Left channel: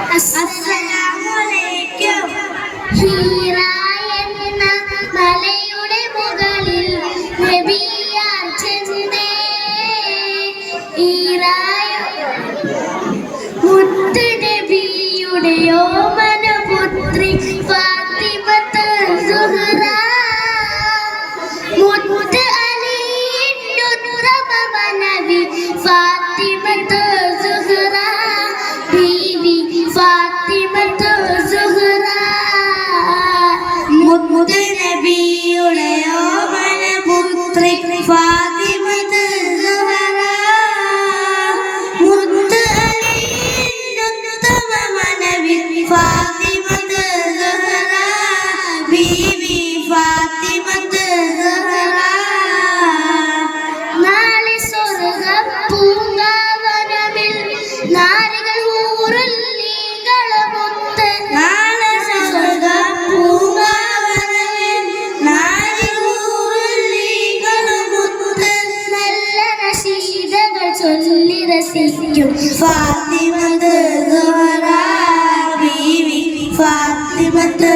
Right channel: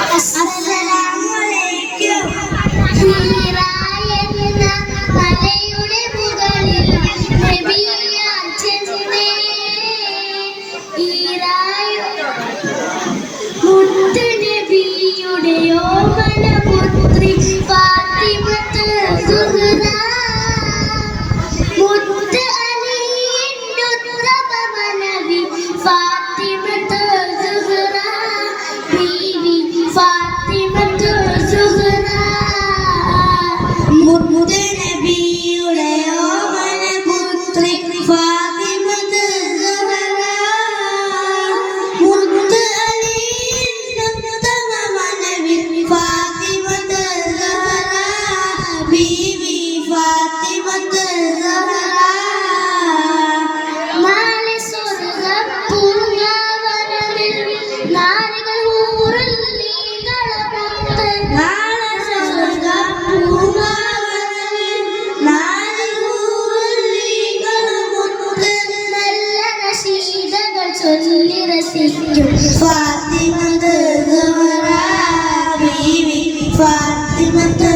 അസ്സലാമലൈക്കും. ഹീറായെന്ന മലയുടെ മുകളിൽ നബിയാർ ചെന്നേ. മുത്ത് നബിയുടെ ഓമന പുത്രി ഫാത്തിമത്ത് സുഹ്റ. മുത്ത് അലിയുടെ ഉത്തമ മനവി ഫാത്തിമത്ത് സുഹ്റ. ബീവി ഫാത്തിമത്ത് സുഹ്റ. മുത്ത് നബിയുടെ ഓമന പുത്രി ഫാത്തിമത്ത് സുഹ്റ. മുത്ത് അലിയുടെ ഉത്തമ മനവി ഫാത്തിമത്ത് സുഹ്റ. ബീവി ഫാത്തിമത്ത് സുഹ്റ. നാളെ സ്വർഗ്ഗ പൂങ്കാവനത്തിൽ നാരികൾ ഊറുന്നീകളമൊത്ത്. നാളെ സ്വർഗ്ഗ പൂങ്കാവനത്തിൽ നാരികൾ ഊറുന്നീകളമൊത്ത്. നല്ല നശീദകൾ ചൊല്ലി രസിക്കും ഫാത്തിമത്ത് സുഹ്റ. ബീവി ഫാത്തിമത്ത്